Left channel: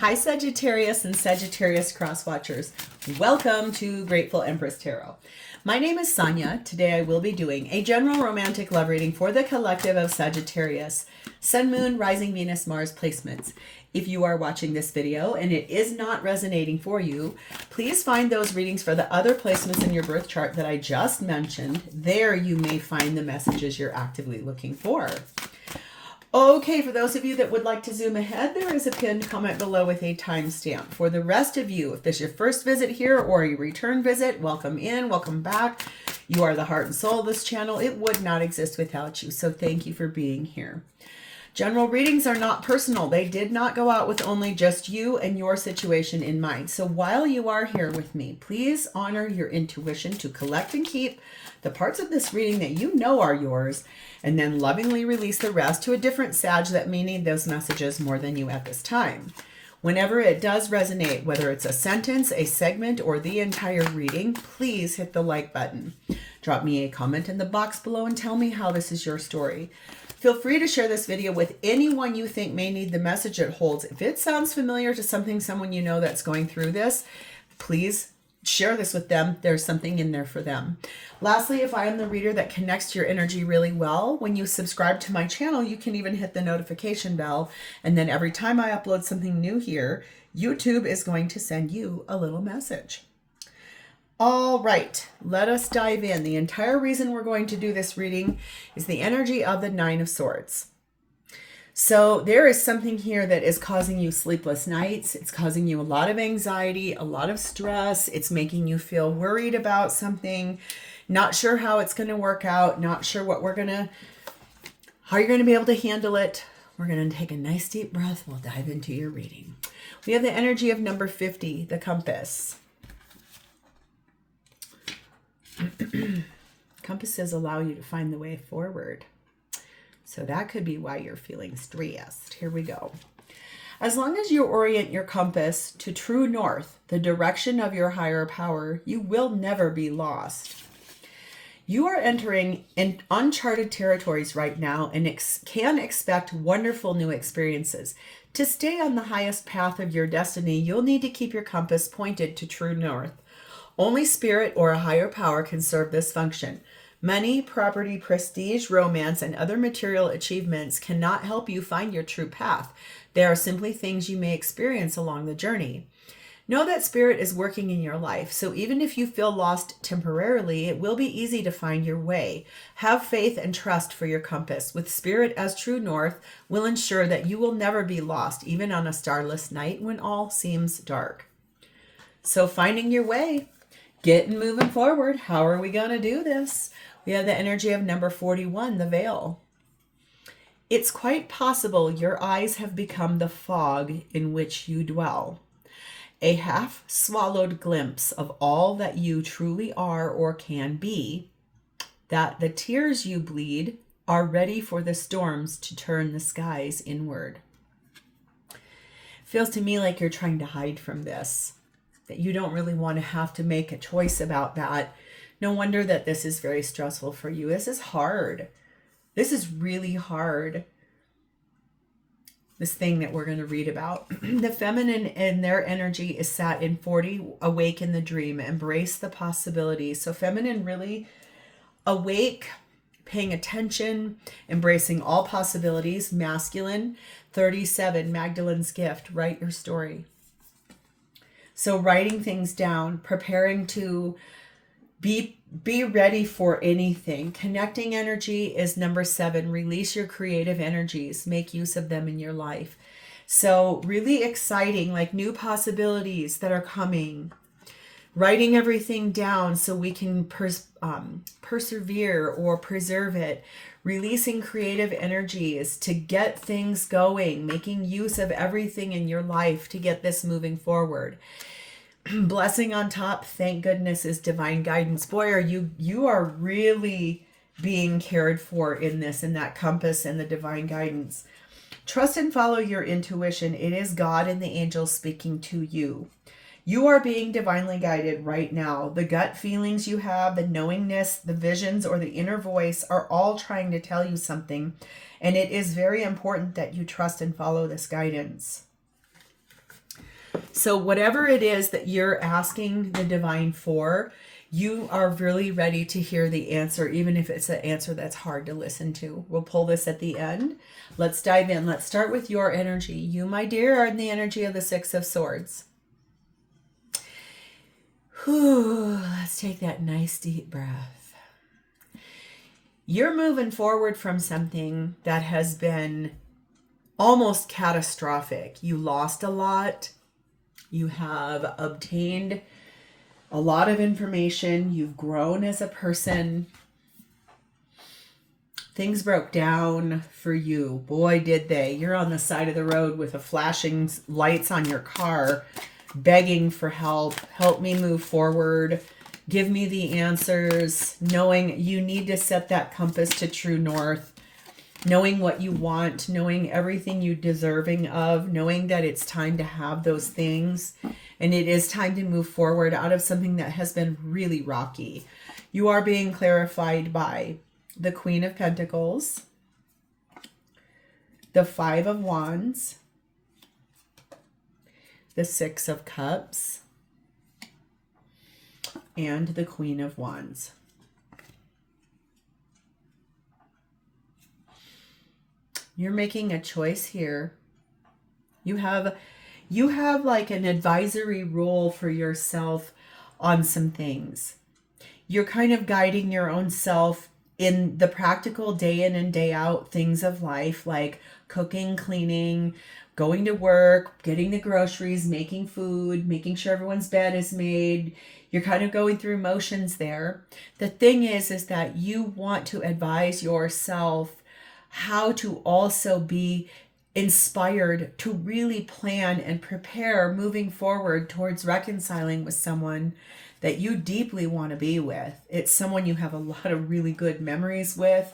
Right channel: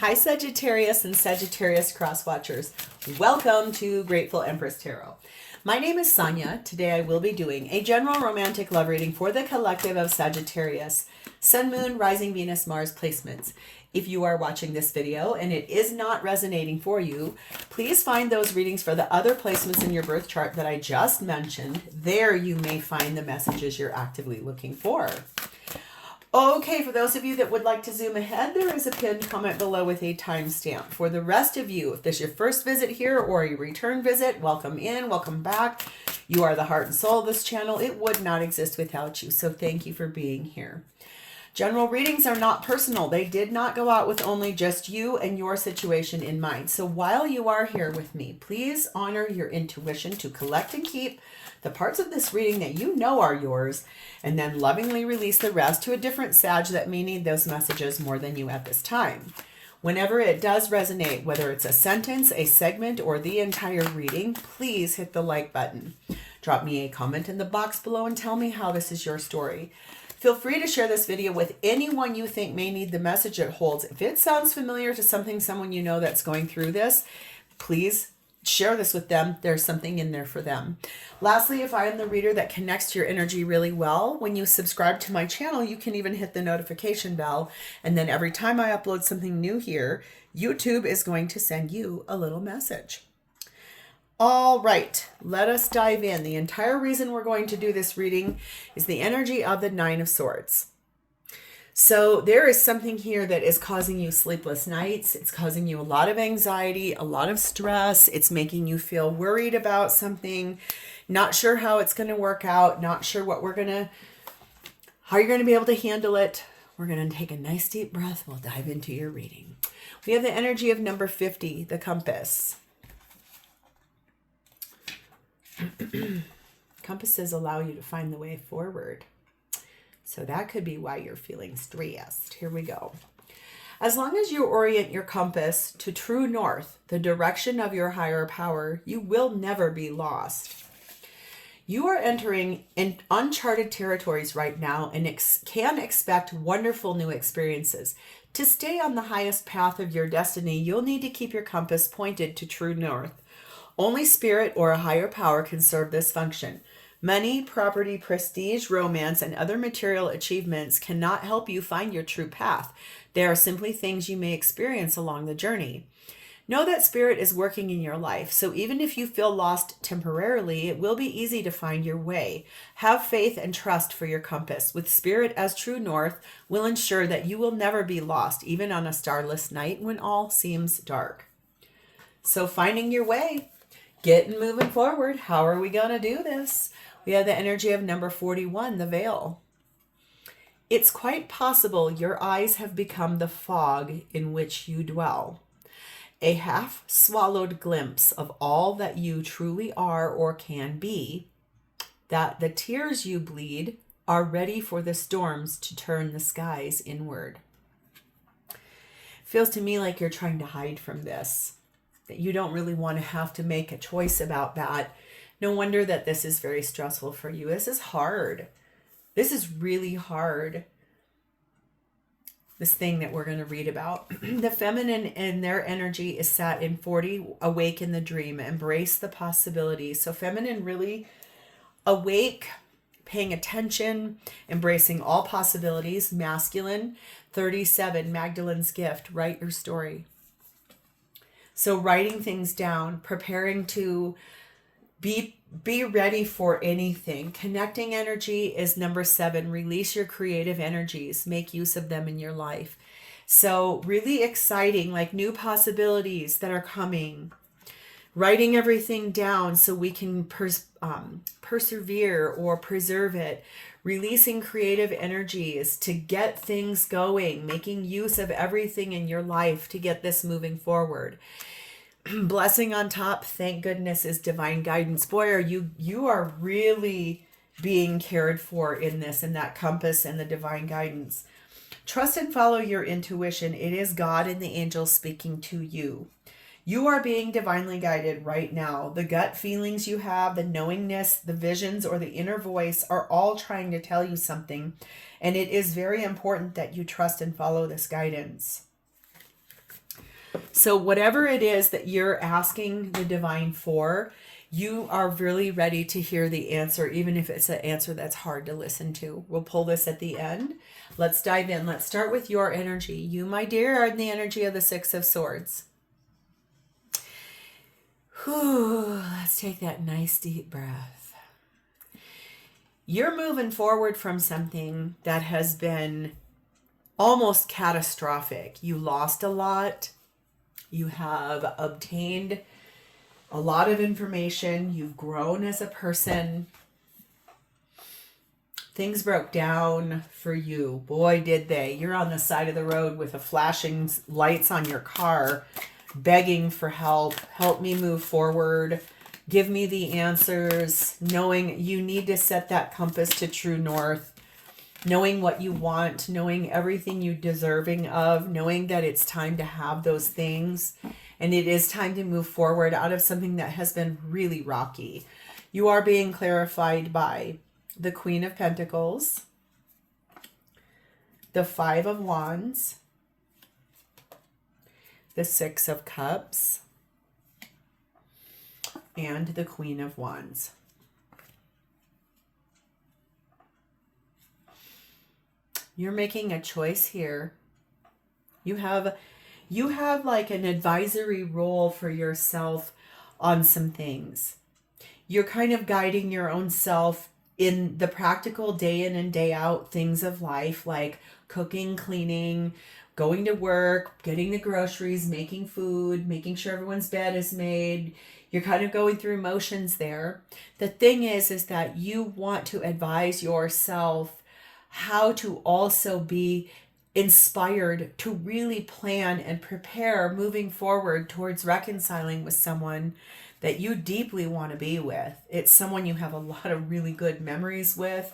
Hi Sagittarius and Sagittarius cross watchers. Welcome to Grateful Empress Tarot. My name is Sonia. Today I will be doing a general romantic love reading for the collective of Sagittarius, Sun, Moon, Rising, Venus, Mars placements. If you are watching this video and it is not resonating for you, please find those readings for the other placements in your birth chart that I just mentioned. There you may find the messages you're actively looking for. Okay, for those of you that would like to zoom ahead, there is a pinned comment below with a timestamp. For the rest of you, if this is your first visit here or a return visit, welcome in, welcome back. You are the heart and soul of this channel. It would not exist without you, so thank you for being here. General readings are not personal. They did not go out with only just you and your situation in mind. So while you are here with me, please honor your intuition to collect and keep the parts of this reading that you know are yours, and then lovingly release the rest to a different Sag that may need those messages more than you at this time. Whenever it does resonate, whether it's a sentence, a segment, or the entire reading, please hit the like button. Drop me a comment in the box below and tell me how this is your story. Feel free to share this video with anyone you think may need the message it holds. If it sounds familiar to someone you know that's going through this, please share this with them. There's something in there for them. Lastly, if I am the reader that connects to your energy really well, when you subscribe to my channel, you can even hit the notification bell. And then every time I upload something new here, YouTube is going to send you a little message. All right, let us dive in. The entire reason we're going to do this reading is the energy of the Nine of Swords. So there is something here that is causing you sleepless nights. It's causing you a lot of anxiety, a lot of stress. It's making you feel worried about something, not sure how it's going to work out, not sure how you're going to be able to handle it. We're going to take a nice deep breath. We'll dive into your reading. We have the energy of number 50, the compass. Compasses allow you to find the way forward. So that could be why you're feeling stressed. Here we go. As long as you orient your compass to true north, the direction of your higher power, you will never be lost. You are entering in uncharted territories right now and can expect wonderful new experiences. To stay on the highest path of your destiny, you'll need to keep your compass pointed to true north. Only spirit or a higher power can serve this function. Money, property, prestige, romance, and other material achievements cannot help you find your true path. They are simply things you may experience along the journey. Know that spirit is working in your life, so even if you feel lost temporarily, it will be easy to find your way. Have faith and trust for your compass. With spirit as true north, will ensure that you will never be lost, even on a starless night when all seems dark. So finding your way, getting moving forward. How are we going to do this? We have the energy of number 41, the veil. It's quite possible your eyes have become the fog in which you dwell. A half-swallowed glimpse of all that you truly are or can be, that the tears you bleed are ready for the storms to turn the skies inward. Feels to me like you're trying to hide from this, that you don't really want to have to make a choice about that. No wonder that this is very stressful for you. This is hard. This is really hard. This thing that we're going to read about. The feminine and their energy is sat in 40, awake in the dream, embrace the possibilities. So feminine really awake, paying attention, embracing all possibilities. Masculine, 37, Magdalene's gift, write your story. So writing things down, preparing to be ready for anything. Connecting energy is number 7. Release your creative energies. Make use of them in your life. So really exciting, like new possibilities that are coming. Writing everything down so we can persevere or preserve it. Releasing creative energies to get things going. Making use of everything in your life to get this moving forward. Blessing on top, thank goodness, is divine guidance. Boy, you are really being cared for in this, in that compass and the divine guidance. Trust and follow your intuition. It is God and the angels speaking to you. You are being divinely guided right now. The gut feelings you have, the knowingness, the visions, or the inner voice are all trying to tell you something. And it is very important that you trust and follow this guidance. So whatever it is that you're asking the divine for, you are really ready to hear the answer, even if it's an answer that's hard to listen to. We'll pull this at the end. Let's dive in. Let's start with your energy. You, my dear, are in the energy of the Six of Swords. Whew, let's take that nice deep breath. You're moving forward from something that has been almost catastrophic. You lost a lot. You have obtained a lot of information. You've grown as a person. Things broke down for you. Boy, did they. You're on the side of the road with a flashing lights on your car, begging for help. Help me move forward. Give me the answers. Knowing you need to set that compass to true north. Knowing what you want. Knowing everything you're deserving of. Knowing that it's time to have those things. And it is time to move forward out of something that has been really rocky. You are being clarified by the Queen of Pentacles, the Five of Wands, the Six of Cups, and the Queen of Wands. You're making a choice here. You have like an advisory role for yourself on some things. You're kind of guiding your own self in the practical day in and day out things of life, like cooking, cleaning, going to work, getting the groceries, making food, making sure everyone's bed is made. You're kind of going through motions there. The thing is that you want to advise yourself how to also be inspired to really plan and prepare moving forward towards reconciling with someone that you deeply want to be with. It's someone you have a lot of really good memories with.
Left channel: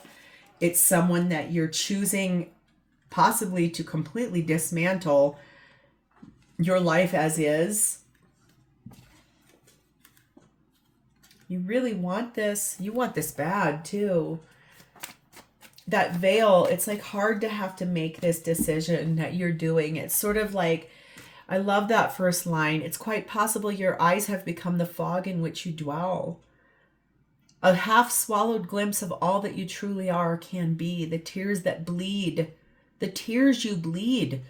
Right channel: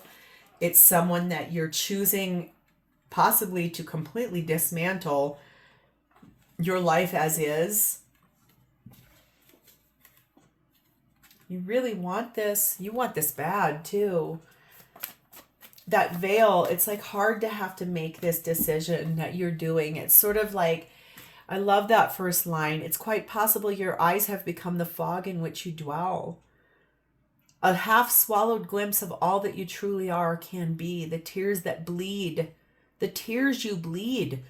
It's someone that you're choosing possibly to completely dismantle your life as is. You really want this. You want this bad too. That veil, it's like hard to have to make this decision that you're doing. It's sort of like, I love that first line. It's quite possible your eyes have become the fog in which you dwell. A half swallowed glimpse of all that you truly are can be. The tears that bleed, the tears you bleed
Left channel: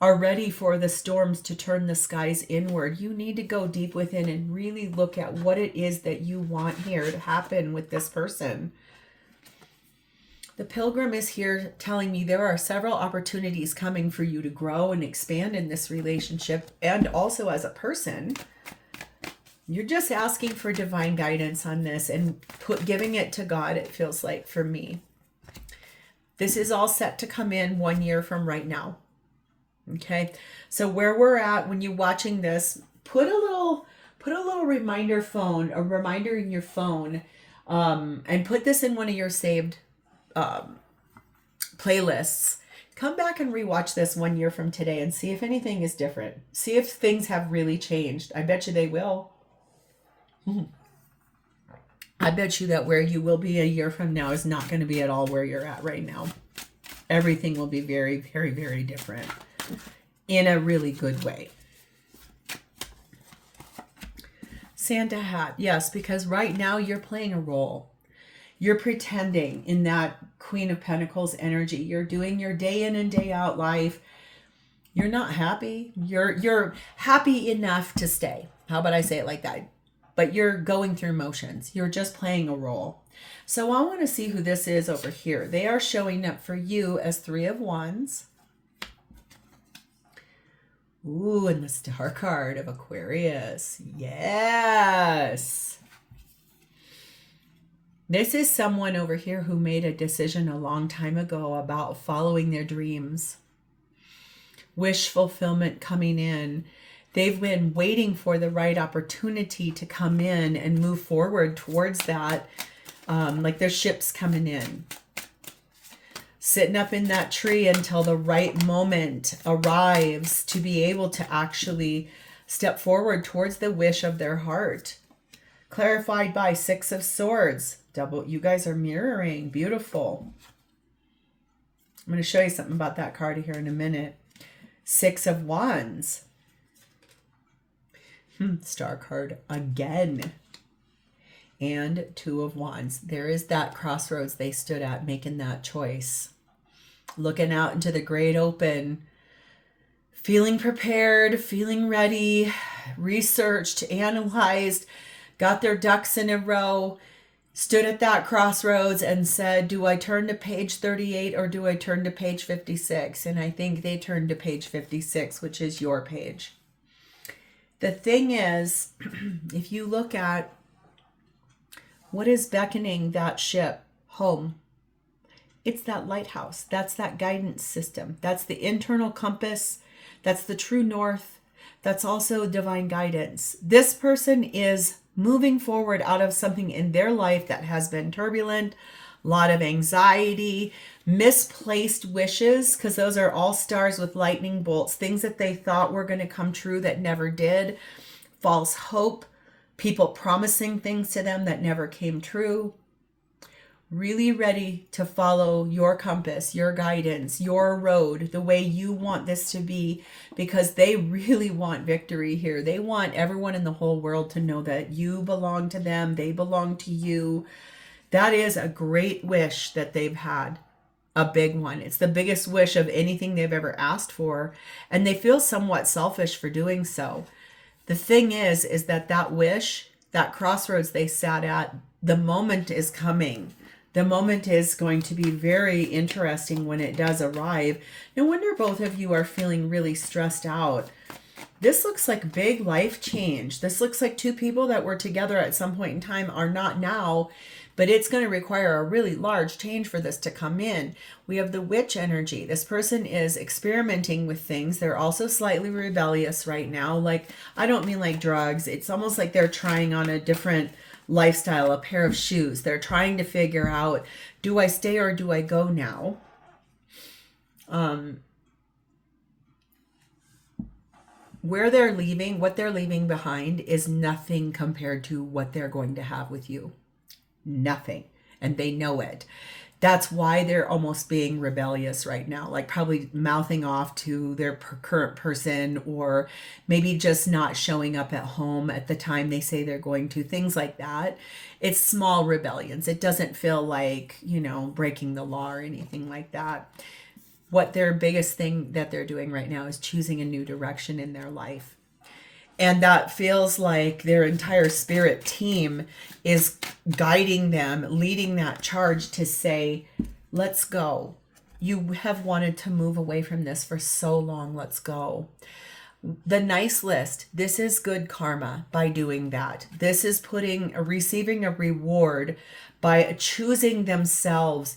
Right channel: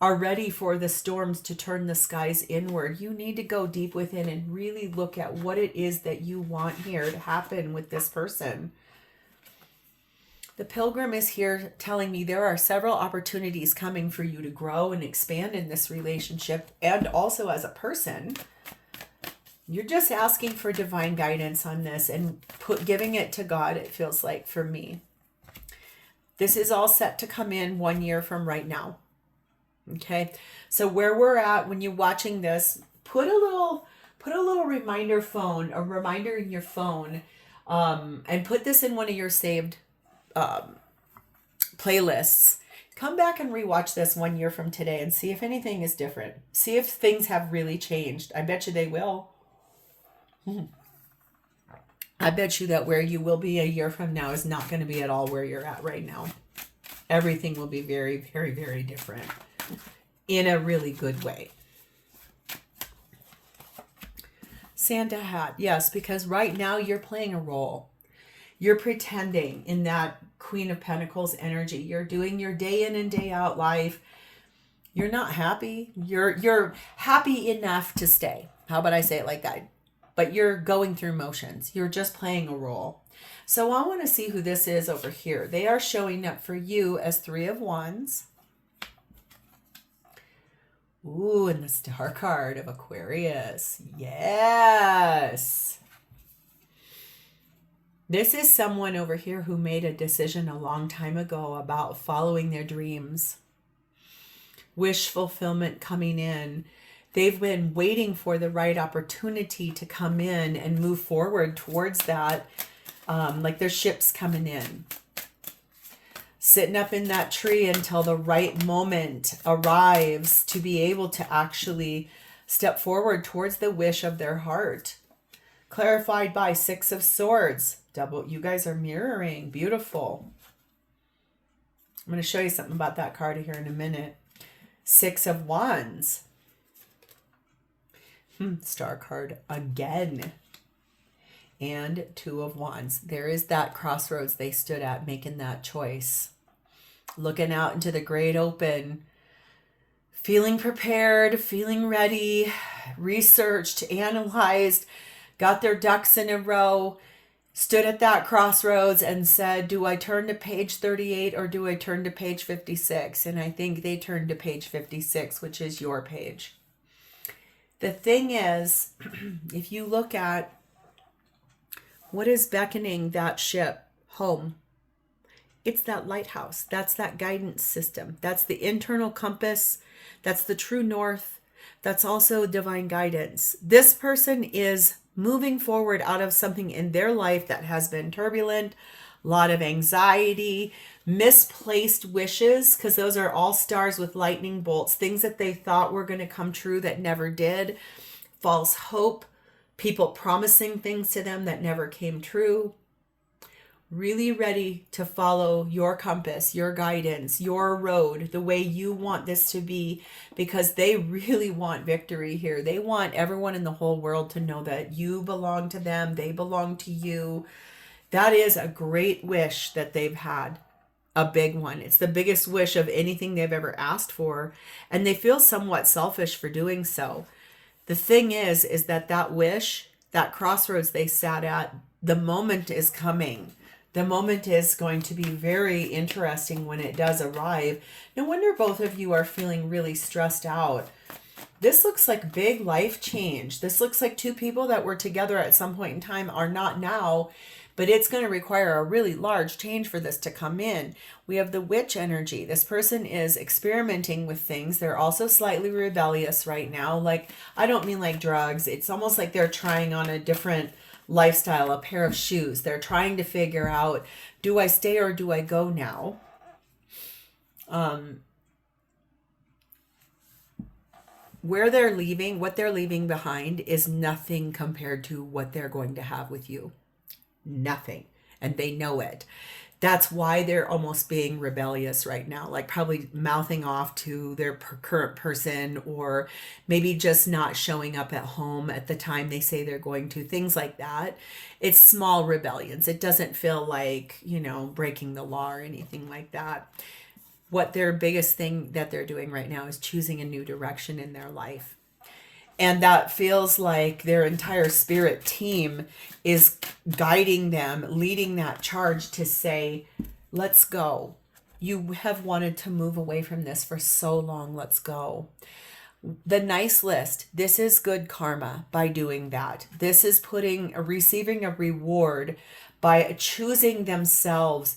are ready for the storms to turn the skies inward. You need to go deep within and really look at what it is that you want here to happen with this person. The Pilgrim is here telling me there are several opportunities coming for you to grow and expand in this relationship and also as a person. You're just asking for divine guidance on this and giving it to God, it feels like, for me. This is all set to come in 1 year from right now. Okay, so where we're at when you're watching this, put a little reminder in your phone, and put this in one of your saved playlists. Come back and rewatch this 1 year from today and see if anything is different. See if things have really changed. I bet you they will. I bet you that where you will be a year from now is not going to be at all where you're at right now. Everything will be very, very, very different in a really good way. Santa hat. Yes, because right now you're playing a role. You're pretending in that Queen of Pentacles energy. You're doing your day in and day out life. You're not happy. You're happy enough to stay. How about I say it like that? But you're going through motions. You're just playing a role. So I want to see who this is over here. They are showing up for you as Three of Wands. Ooh, and the Star card of Aquarius. Yes. This is someone over here who made a decision a long time ago about following their dreams. Wish fulfillment coming in. They've been waiting for the right opportunity to come in and move forward towards that. Like their ship's coming in. Sitting up in that tree until the right moment arrives to be able to actually step forward towards the wish of their heart. Clarified by Six of Swords. Double, you guys are mirroring. Beautiful. I'm going to show you something about that card here in a minute. Six of Wands. Star card again. And Two of Wands. There is that crossroads they stood at, making that choice. Looking out into the great open. Feeling prepared, feeling ready, researched, analyzed, got their ducks in a row, stood at that crossroads and said, do I turn to page 38 or do I turn to page 56? And I think they turned to page 56, which is your page. The thing is, if you look at what is beckoning that ship home, it's that lighthouse. That's that guidance system. That's the internal compass. That's the true north. That's also divine guidance. This person is moving forward out of something in their life that has been turbulent, a lot of anxiety, misplaced wishes, because those are all stars with lightning bolts, things that they thought were going to come true that never did, false hope, people promising things to them that never came true. Really ready to follow your compass, your guidance, your road, the way you want this to be, because they really want victory here. They want everyone in the whole world to know that you belong to them, they belong to you. That is a great wish that they've had, a big one. It's the biggest wish of anything they've ever asked for, and they feel somewhat selfish for doing so. The thing is that wish, that crossroads they sat at, the moment is coming. The moment is going to be very interesting when it does arrive. No wonder both of you are feeling really stressed out. This looks like big life change. This looks like two people that were together at some point in time are not now, but it's going to require a really large change for this to come in. We have the witch energy. This person is experimenting with things. They're also slightly rebellious right now. Like, I don't mean like drugs. It's almost like they're trying on a different lifestyle, a pair of shoes. They're trying to figure out, do I stay or do I go now? Where they're leaving, what they're leaving behind is nothing compared to what they're going to have with you. Nothing. And they know it. That's why they're almost being rebellious right now, like probably mouthing off to their current person, or maybe just not showing up at home at the time they say they're going to, things like that. It's small rebellions. It doesn't feel like, breaking the law or anything like that. What their biggest thing that they're doing right now is choosing a new direction in their life. And that feels like their entire spirit team is guiding them, leading that charge to say, let's go. You have wanted to move away from this for so long. Let's go. The nice list. This is good karma by doing that. This is receiving a reward by choosing themselves,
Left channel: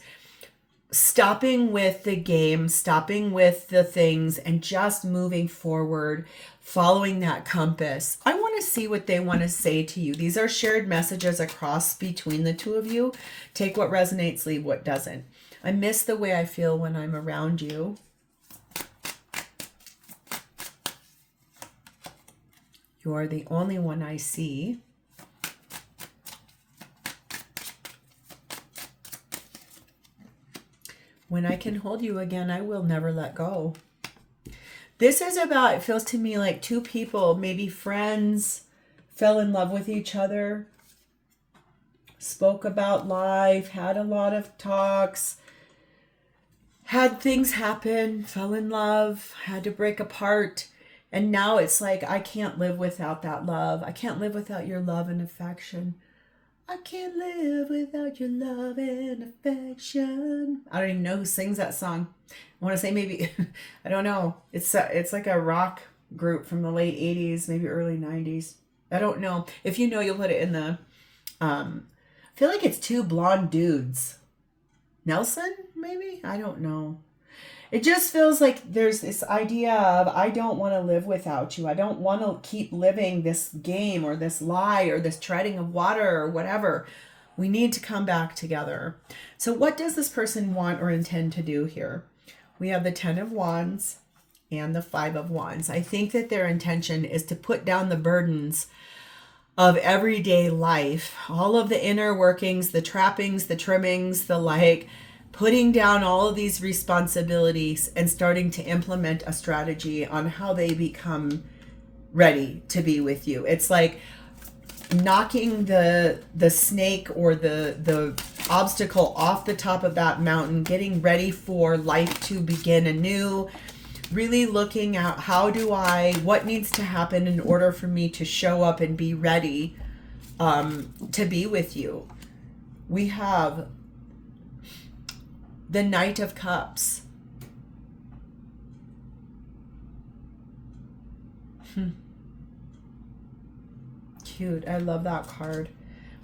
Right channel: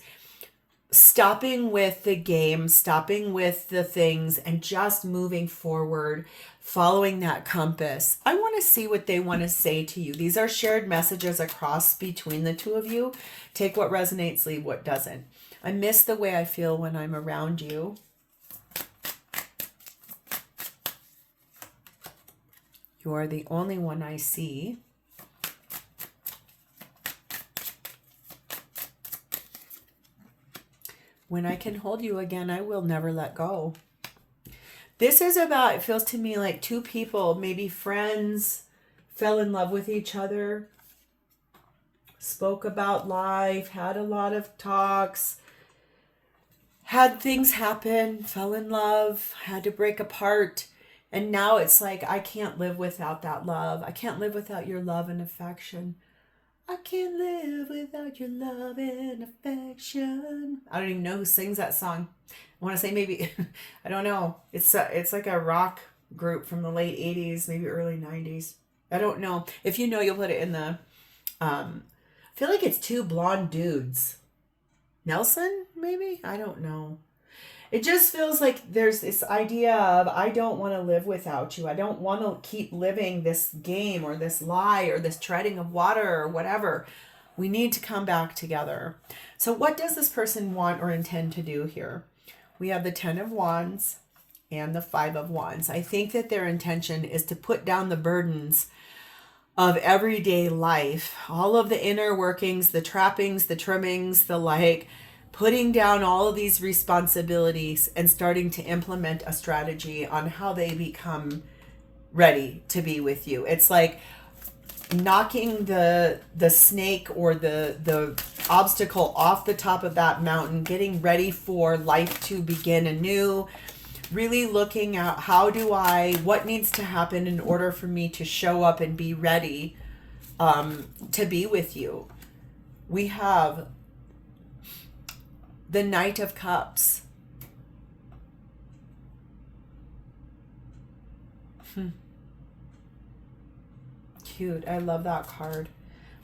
stopping with the game, stopping with the things, and just moving forward, following that compass. I want to see what they want to say to you. These are shared messages across between the two of you. Take what resonates, leave what doesn't. I miss the way I feel when I'm around you. You are the only one I see. When I can hold you again, I will never let go. This is about, it feels to me like two people, maybe friends, fell in love with each other, spoke about life, had a lot of talks, had things happen, fell in love, had to break apart. And now it's like, I can't live without that love. I can't live without your love and affection. I can't live without your love and affection. I don't even know who sings that song. I want to say maybe, I don't know. It's like a rock group from the late 80s, maybe early 90s. I don't know. If you know, you'll put it in the, I feel like it's two blonde dudes. Nelson, maybe? I don't know. It just feels like there's this idea of, I don't want to live without you. I don't want to keep living this game or this lie or this treading of water or whatever. We need to come back together. So what does this person want or intend to do here? We have the 10 of Wands and the 5 of Wands. I think that their intention is to put down the burdens of everyday life, all of the inner workings, the trappings, the trimmings, putting down all of these responsibilities and starting to implement a strategy on how they become ready to be with you. It's like knocking the snake or the obstacle off the top of that mountain, getting ready for life to begin anew, really looking at what needs to happen in order for me to show up and be ready to be with you. We have the Knight of Cups. Cute. I love that card.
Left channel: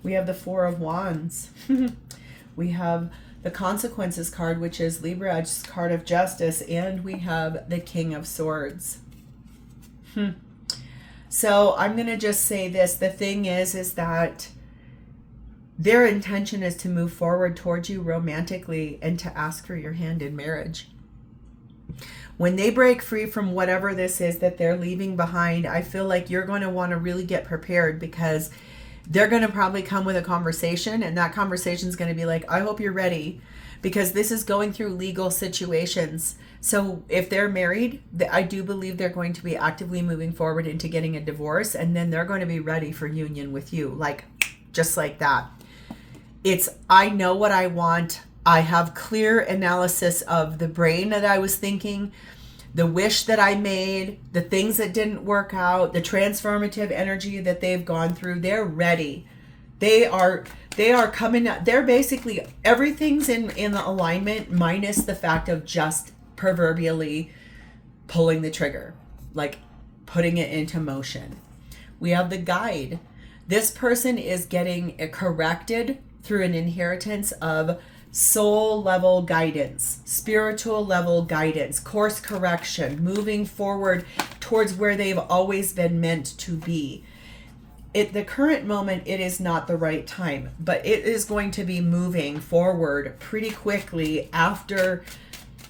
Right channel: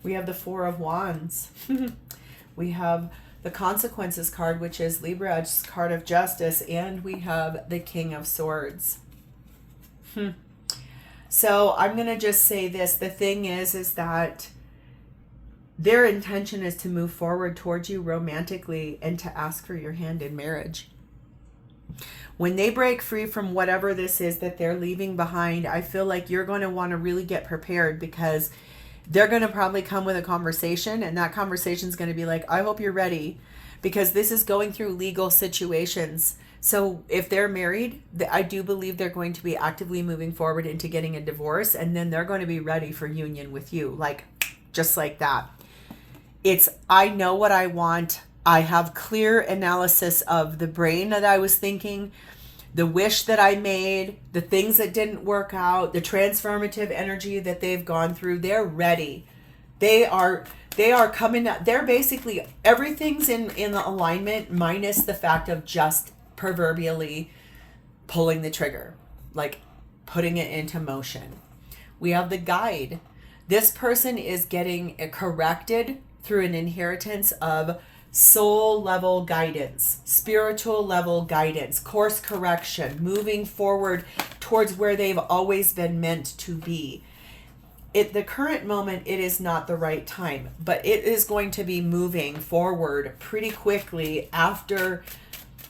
We have the Four of Wands. We have the Consequences card, which is Libra's card of justice, and we have the King of Swords. So I'm going to just say this. The thing is that their intention is to move forward towards you romantically and to ask for your hand in marriage. When they break free from whatever this is that they're leaving behind, I feel like you're going to want to really get prepared, because they're going to probably come with a conversation, and that conversation is going to be like, I hope you're ready, because this is going through legal situations. So if they're married, I do believe they're going to be actively moving forward into getting a divorce, and then they're going to be ready for union with you, like just like that. It's, I know what I want. I have clear analysis of the brain that I was thinking, the wish that I made, the things that didn't work out, the transformative energy that they've gone through. They're ready. They are coming up. They're basically, everything's in alignment, minus the fact of just proverbially pulling the trigger, like putting it into motion. We have the Guide. This person is getting corrected through an inheritance of soul level guidance, spiritual level guidance, course correction, moving forward towards where they've always been meant to be. At the current moment, it is not the right time, but it is going to be moving forward pretty quickly after,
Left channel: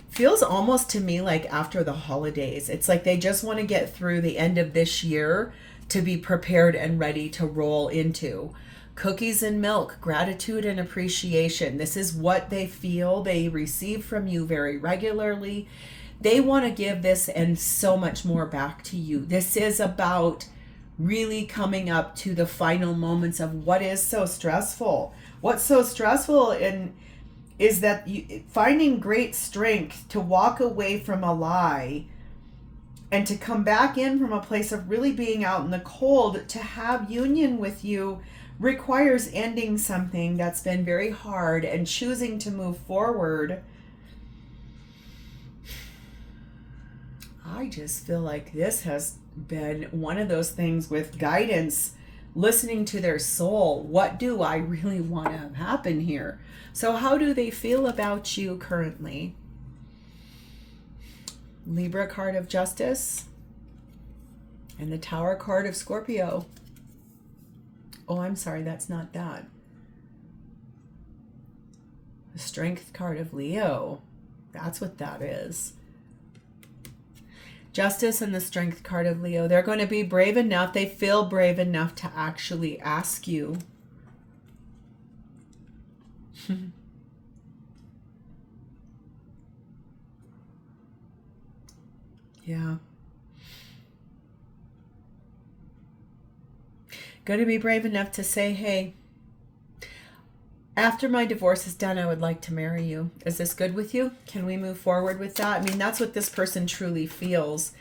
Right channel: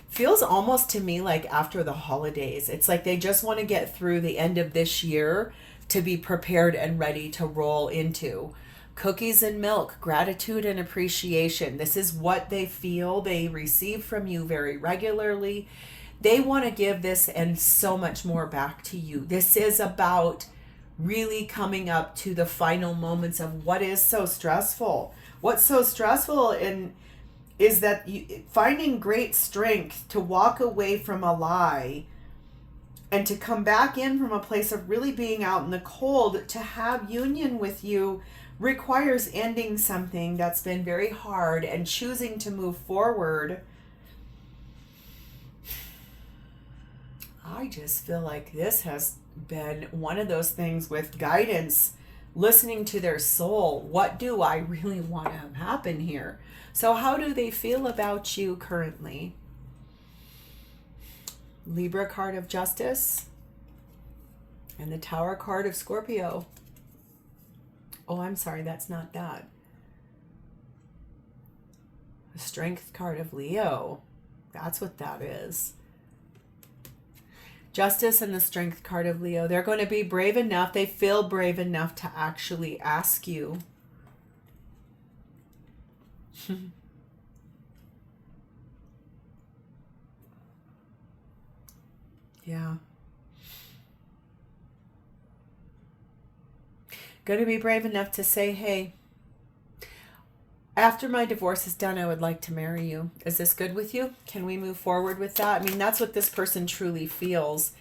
feels almost to me like after the holidays. It's like they just want to get through the end of this year to be prepared and ready to roll into. Cookies and milk, gratitude and appreciation. This is what they feel they receive from you very regularly. They want to give this and so much more back to you. This is about really coming up to the final moments of what is so stressful. What's so stressful is that finding great strength to walk away from a lie and to come back in from a place of really being out in the cold to have union with you requires ending something that's been very hard and choosing to move forward. I just feel like this has been one of those things with guidance, listening to their soul. What do I really want to have happen here? So how do they feel about you currently? Libra card of justice and the Tower card of Scorpio. Oh, I'm sorry, that's not that. The Strength card of Leo. That's what that is. Justice and the Strength card of Leo. They're going to be brave enough. They feel brave enough to actually ask you. Yeah. Going to be brave enough to say, hey, after my divorce is done, I would like to marry you. Is this good with you? Can we move forward with that? I mean, that's what this person truly feels.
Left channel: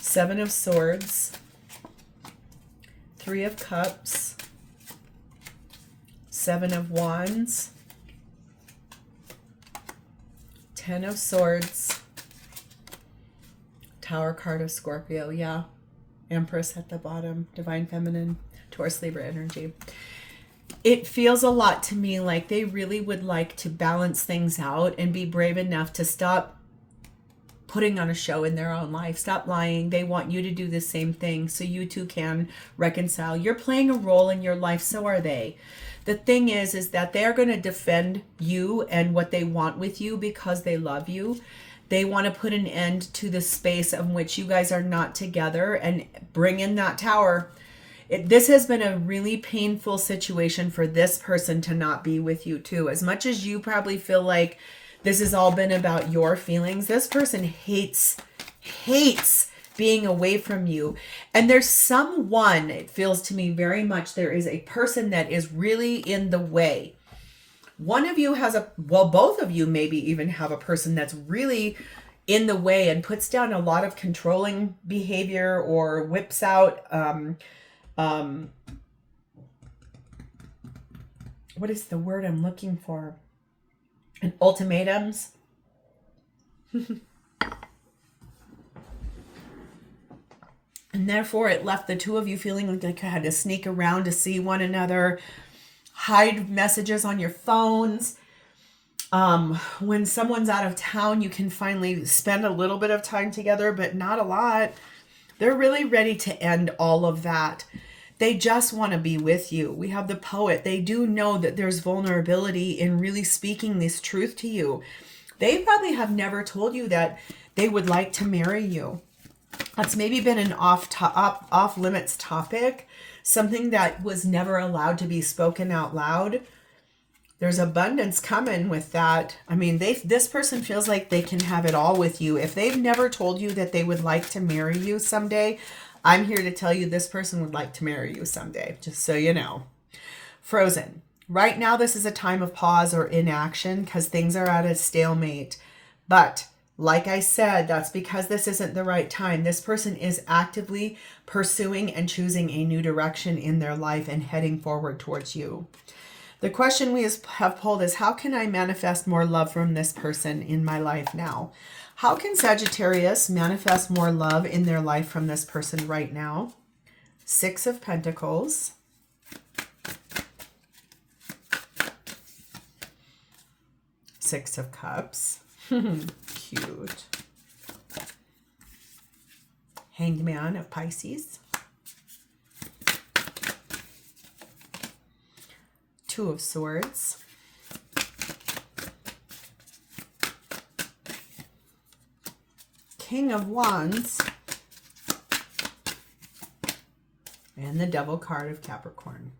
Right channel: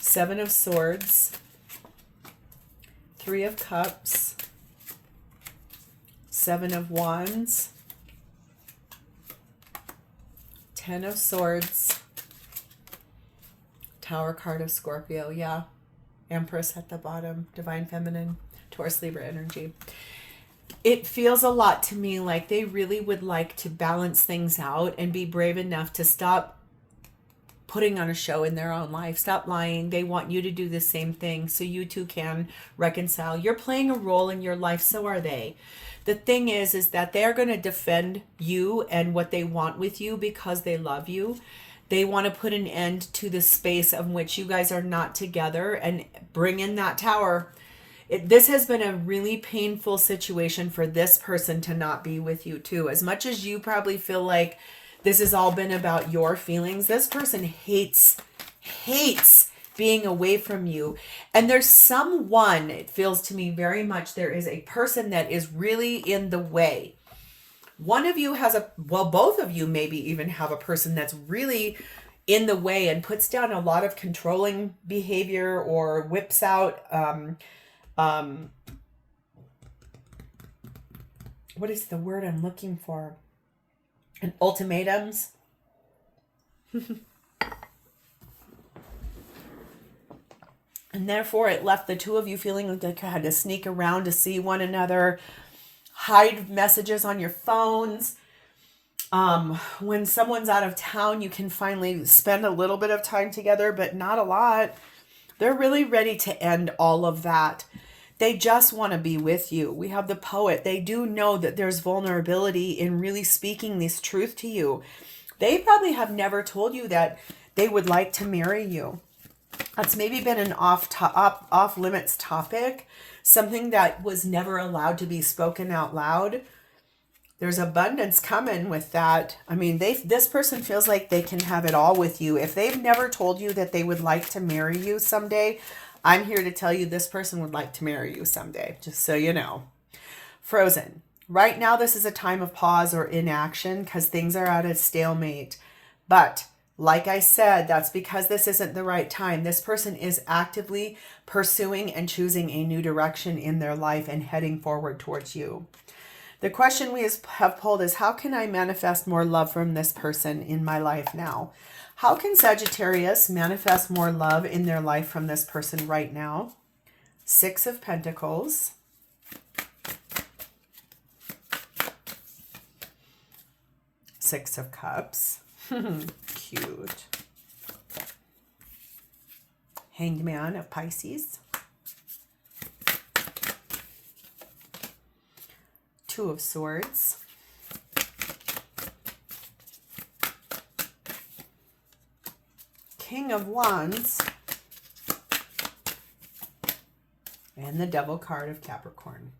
Seven of Swords, Three of Cups, Seven of Wands, Ten of Swords, Tower card of Scorpio. Yeah. Empress at the bottom, Divine Feminine, Taurus, Libra energy. It feels a lot to me like they really would like to balance things out and be brave enough to stop putting on a show in their own life. Stop lying. They want you to do the same thing so you two can reconcile. You're playing a role in your life, so are they. The thing is that they're going to defend you and what they want with you because they love you. They want to put an end to the space of which you guys are not together and bring in that tower. This has been a really painful situation for this person to not be with you too. As much as you probably feel like this has all been about your feelings, this person hates being away from you. And there's someone, it feels to me very much, there is a person that is really in the way. One of you has both of you maybe even have a person that's really in the way and puts down a lot of controlling behavior or whips out, what is the word I'm looking for? Ultimatums. And therefore, it left the two of you feeling like you had to sneak around to see one another, hide messages on your phones. When someone's out of town, you can finally spend a little bit of time together, but not a lot. They're really ready to end all of that. They just want to be with you. We have the poet. They do know that there's vulnerability in really speaking this truth to you. They probably have never told you that they would like to marry you. That's maybe been an off limits topic, something that was never allowed to be spoken out loud. There's abundance coming with that. I mean, this person feels like they can have it all with you. If they've never told you that they would like to marry you someday, I'm here to tell you this person would like to marry you someday, just so you know. Frozen. Right now, this is a time of pause or inaction because things are at a stalemate. But like I said, that's because this isn't the right time. This person is actively pursuing and choosing a new direction in their life and heading forward towards you. The question we have pulled is, how can I manifest more love from this person in my life now? How can Sagittarius manifest more love in their life from this person right now? Six of Pentacles. Six of Cups. Cute. Hanged Man of Pisces. Two of Swords. King of Wands. And the Devil card of Capricorn.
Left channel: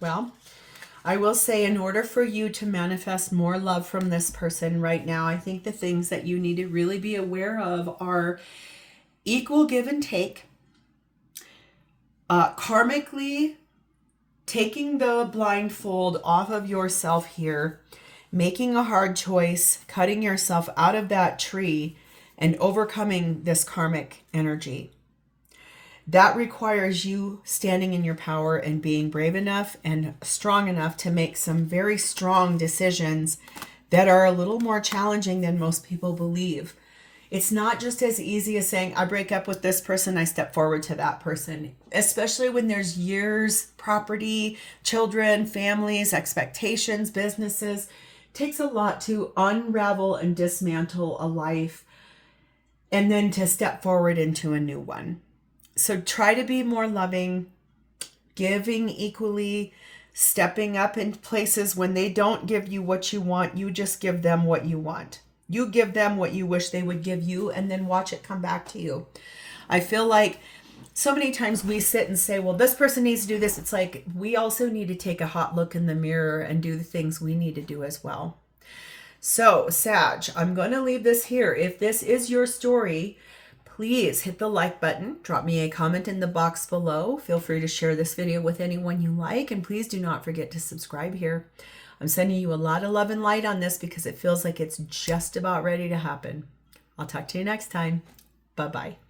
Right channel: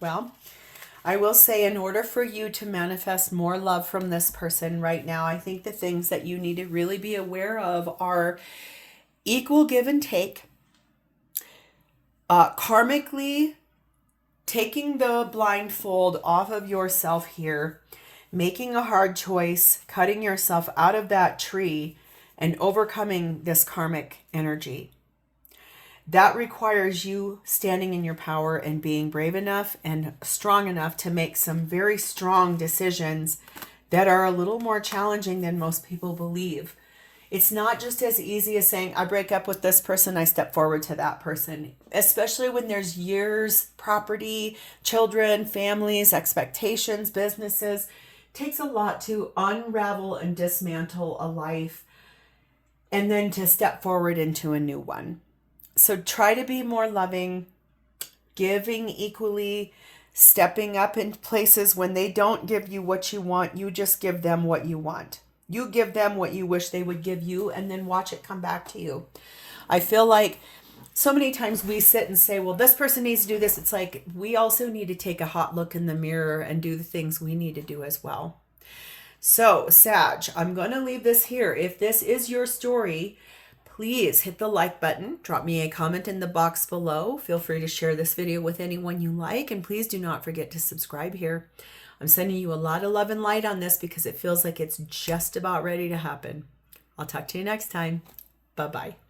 Well, I will say, in order for you to manifest more love from this person right now, I think the things that you need to really be aware of are equal give and take, karmically taking the blindfold off of yourself here, making a hard choice, cutting yourself out of that tree, and overcoming this karmic energy. That requires you standing in your power and being brave enough and strong enough to make some very strong decisions that are a little more challenging than most people believe. It's not just as easy as saying, I break up with this person, I step forward to that person, especially when there's years, property, children, families, expectations, businesses. It takes a lot to unravel and dismantle a life and then to step forward into a new one. So try to be more loving, giving equally, stepping up in places when they don't give you what you want. You just give them what you want. You give them what you wish they would give you, and then watch it come back to you. I feel like so many times we sit and say, well, this person needs to do this. It's like we also need to take a hot look in the mirror and do the things we need to do as well. So, Sag, I'm going to leave this here. If this is your story, please hit the like button. Drop me a comment in the box below. Feel free to share this video with anyone you like. And please do not forget to subscribe here. I'm sending you a lot of love and light on this because it feels like it's just about ready to happen. I'll talk to you next time. Bye-bye.